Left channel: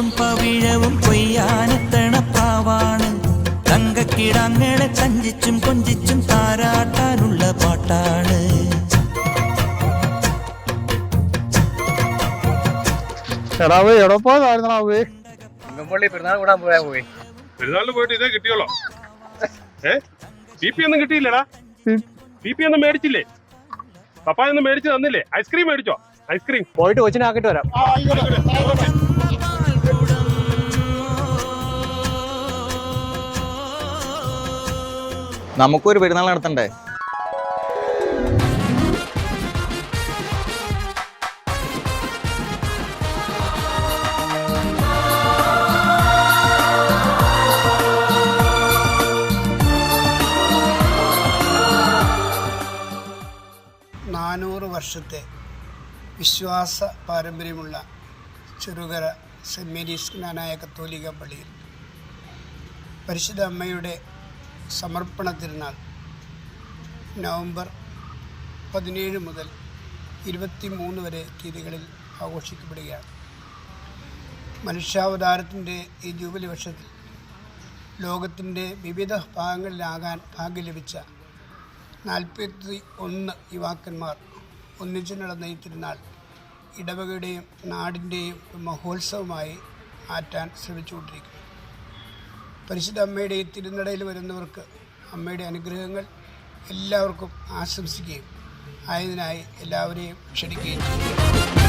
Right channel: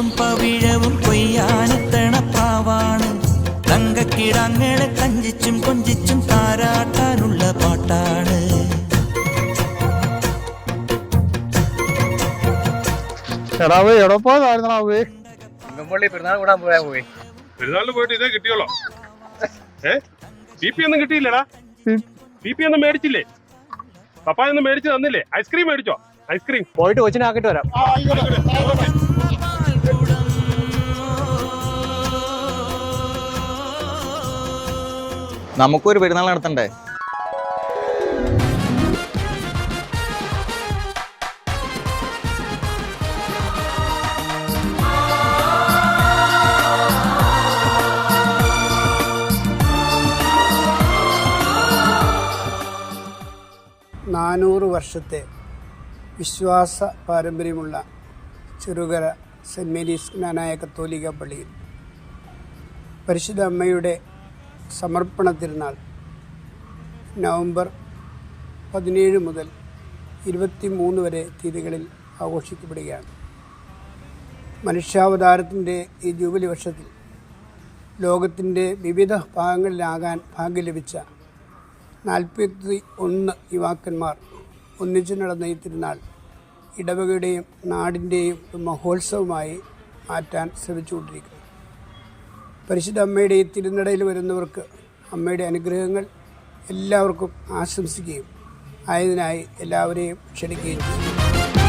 കൊയ്ത്തും പവിഴവും കൊയ്യാനെത്തണ പ്രാവാണ്. തങ്കക്കിടാങ്ങളെ കഞ്ചിച്ചും കൊഞ്ചിച്ചും താരാട്ടാനുള്ള പാട്ടാണ്. പെരുന്നാളിന് പോയിട്ട് ഇതേ കിട്ടിയോളോ? PP ഒന്നും കിട്ടിയില്ലടാ. PP ഒന്നും മേടിച്ചില്ലേ? പപ്പായൊന്നും മേടിച്ചു തന്നില്ലേ? ഐസ്ക്രീം മേടിച്ചോ? ഐസ്ക്രീം പോയിട്ട് കൊച്ചിനാക്കിട്ട് വരാം. നമുക്കൊരു പെരുന്നാൾ നടത്തണ്ടേ? വർഷത്തെ വിശ്വാസ പാരമ്പര്യമുള്ള ചെറുകര സെൻറ് മേരീസ് ജ്ഞാനായ കത്തോലിക്ക പള്ളിയിൽ പരിശുദ്ധ അമ്മയുടെ സമർപ്പണ തിരുനാൾ നവംബർ 17 മുതൽ 23 വരെ തീയതികളിൽ ആഘോഷിക്കപ്പെടുകയാണ്. മനുഷ്യാവതാരത്തിൻ്റെ ഈ ജൂബിലി വർഷത്തിൽ ലോകത്തിൻ്റെ വിവിധ ഭാഗങ്ങളിലാകാൻ ഭാഗ്യം ലഭിച്ച 41 യുവാക്കന്മാർ ഒന്നിച്ചു നടന്ന ഈ തിരുനാൾ ഇടവകയുടെയും നാടിൻ്റെയും മഹോത്സവമായി മാറ്റാൻ ശ്രമിച്ചുകൊണ്ടിരിക്കുന്നു. പരിശുദ്ധ അമ്മയുടെ ഈ തിരുനടയിൽ വരുന്നവർക്ക് അമ്മയുടെ അനുഗ്രഹങ്ങൾ എല്ലാവർക്കും ആശംസിക്കുകയും ആയതിനായി എല്ലാവരെയും ക്ഷണിക്കുകയും ചെയ്യും.